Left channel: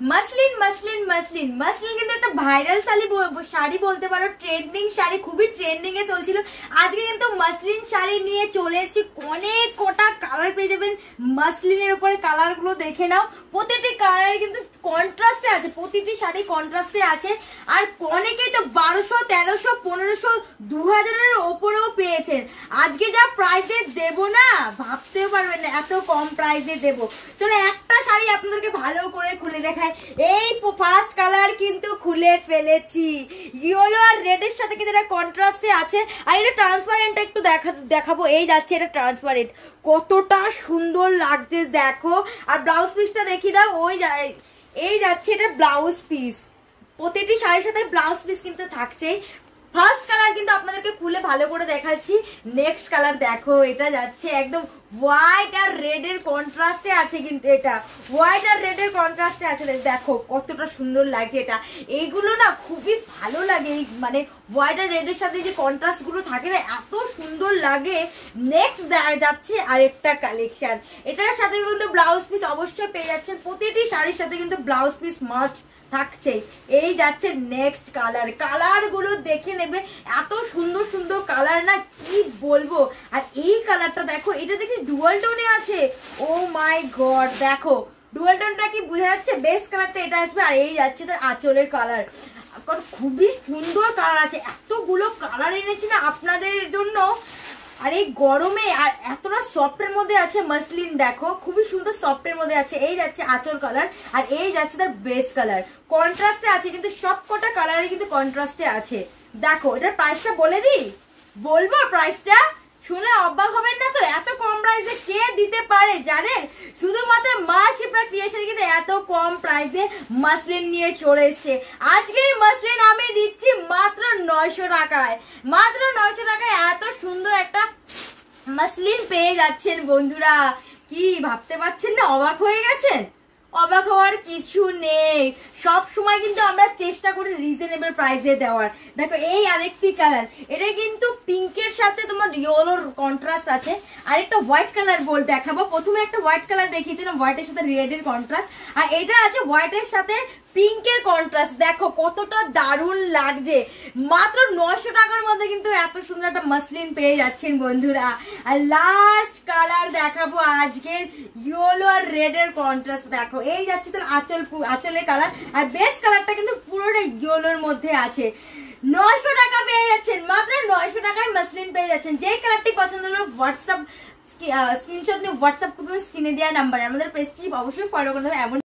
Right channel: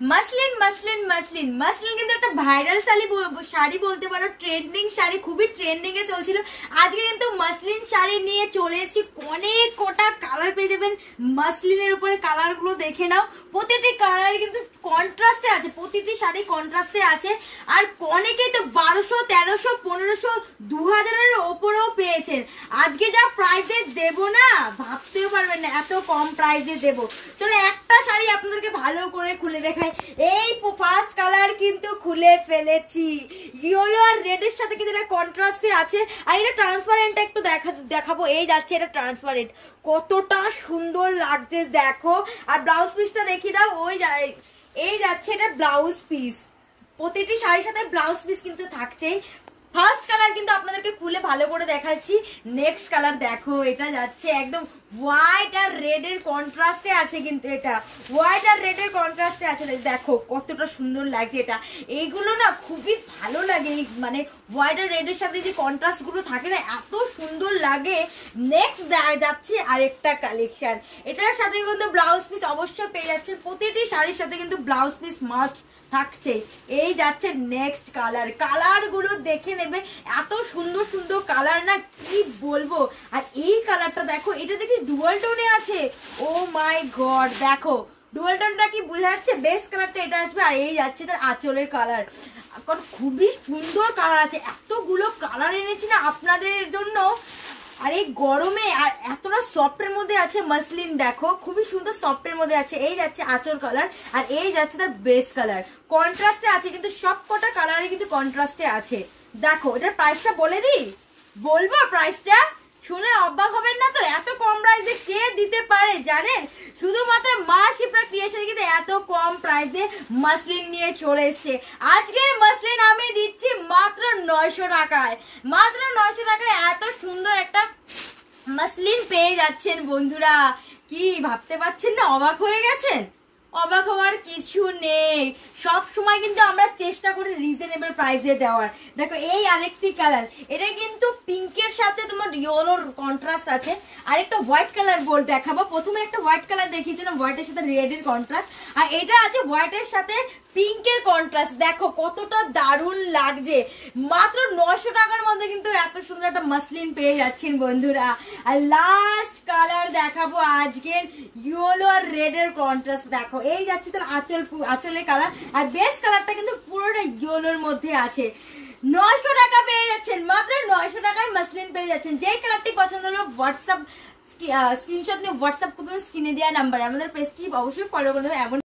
Muslin muslin muslin muslin কিন্তু একটা viral sari বলতে পারো, ট্রেন্ডিং শাড়ি, খুবই ট্রেন্ডিং এ চলছিল। আজকে কিন্তু মাসলিন শাড়ি নিয়ে চলে এসেছি। অনেক কটা কালার পেয়ে যাবেন মাসলিনের উপরে। কালার গুলো দেখে নাও, প্রতিটি কালার কিন্তু কন্ট্রাস্টে আছে, প্রতিটি শাড়ি কন্ট্রাস্টে আছে। আর অনেকেই তো 1200, 1300, 1500, 2000-এর ওপরেও পেয়েছেন। আজকে যা প্রাইসে দেব না ভাবতেও পারবেন না, এত কম প্রাইসে দেব। চলো একটা শাড়ি আপনাদেরকে ভালো করে খুলে দেখাই। এই ফার্স্ট কালার কিন্তু খুলে ফেলেছি, ইয়েলো আর রেড এর সাথে কিন্তু এটা কন্ট্রাস্টে আছে। আর এটা ট্রান্সপারেন্ট একটু দেখাবো। এই যাচ্ছে এটা ট্রান্সপারেন্ট, কতটা সুন্দর লাগছে দেখো। আর ব্লাউজ পিসটা দেখিয়ে দাও। এই যাচ্ছে এটা ব্লাউজ পিস, প্রতিটি শাড়ির সাথে ব্লাউজ পিস কিন্তু থাকছেই। ফার্স্ট কালার কিন্তু আপনাদেরকে খুলে ভালো করে দেখাচ্ছি। নেক্সট কালার দেখো, এটা যাচ্ছে একদম হোয়াইট আর রেড এর কন্ট্রাস্টে আছে। কিন্তু এটা হোয়াইট আর রেড এর কন্ট্রাস্টে আছে, দেখো কতটা সুন্দর লাগছে এটা। এইগুলো না খুবই ভালো লাগে, মানে হোয়াইট আর রেড এর সাথে যে কন্ট্রাস্ট গুলো থাকে না, এত সুন্দর লাগে। নেক্সট যাচ্ছে আরেকটা কালেকশন, এটার সাথে কিন্তু ব্লাউজ পিস অবশ্যই পেয়ে যাচ্ছেন। প্রতিটি শাড়ির সাথে কিন্তু ব্লাউজ পিস মাস্ট থাকছে। এই যাচ্ছে নেক্সট কালার, কালার গুলো দেখে নেবে, এত সুন্দর সুন্দর কালার না কি বলবো। আর এই কালারটা দেখো, এটা দেখি ডুয়াল টোনে আছে। ও মাই গড, দেখো ডুয়াল টোনটা কি বোঝা যাচ্ছে? বেস্ট কালারটা এটা আসবে। আর এই যাচ্ছে তার আঁচলের কালার, খুবই সুন্দর কালার আছে। এতগুলো কালার এনেছি না আপনাদের জন্য। আর এই গরমে আর এতটা সফটের মধ্যে আছে মাসলিন, দেখো খুবই সুন্দর সফটের মধ্যে আছে। এই যাচ্ছে আঁচল কালার, আর এই যাচ্ছে তার বেস্ট কালার। কন্ট্রাস্টে আছে কিন্তু, সব কটা কালারে কিন্তু কন্ট্রাস্টে আছে। দেখো এটার প্রাইসটা বলে দিই, বলবো প্রাইসটা? শুনে অবাক হবেন না তো, এত কম প্রাইসে কে দিতে পারে জানেন? শুধুমাত্র মা শিপ্রা ক্রিয়েশন কিন্তু এত কম প্রাইসে মাসলিন নিয়ে চলে এসছে। আজকের মাসলিন আমি দিচ্ছি মাত্র 900 টাকায়। মাত্র 900 টাকায় এত সুন্দর একটা মাসলিন পেয়ে যাচ্ছেন বন্ধুরা। কি ভাবতে পারছেন না? অবাক হয়ে গেছেন? অবাক হওয়ার কিছু নেই। সব সময় কিন্তু আমরা চেষ্টা করি রিজনেবল প্রাইসে দেওয়ার। দেখো এই আরেকটি কালার, এটা কিন্তু পিঙ্কের সাথে তোমার ইয়েলোর কন্ট্রাস্ট আছে। আরেকটা হোয়াইট কালার দেখাবো। প্রথমে একটা হোয়াইট কালার দেখিয়েছিলাম, হোয়াইটের সাথে রেড এর কন্ট্রাস্ট। আর এটা আছে হোয়াইটের সাথে পিঙ্কের কন্ট্রাস্ট। দেখো কতটা দারুণ লাগছে। মাত্র 900 টাকার মধ্যে কিন্তু এত সুন্দর একটা মাসলিন পেয়ে যাচ্ছেন বন্ধুরা। আর লাস্ট কালার দেখাবো আজকের, ইয়েলো আর রেড এর কন্ট্রাস্ট। দেখো এই যাচ্ছে তার আঁচলের কালার। আর বেস্ট কালারটা কিন্তু পুরোটা ইয়েলোর মধ্যে আছে। 900 টাকা পেয়ে যাচ্ছেন, মাত্র 900 টাকায় মাসলিন পেয়ে যাচ্ছেন। যেই কালারটি পছন্দ হলো হোয়াটসঅ্যাপ স্ক্রিনশট নিয়ে হোয়াটসঅ্যাপ করবেন স্ক্রিনে দেওয়া নাম্বারে। আমাদের পেজটি অবশ্যই ফলো করতে হবে। এমন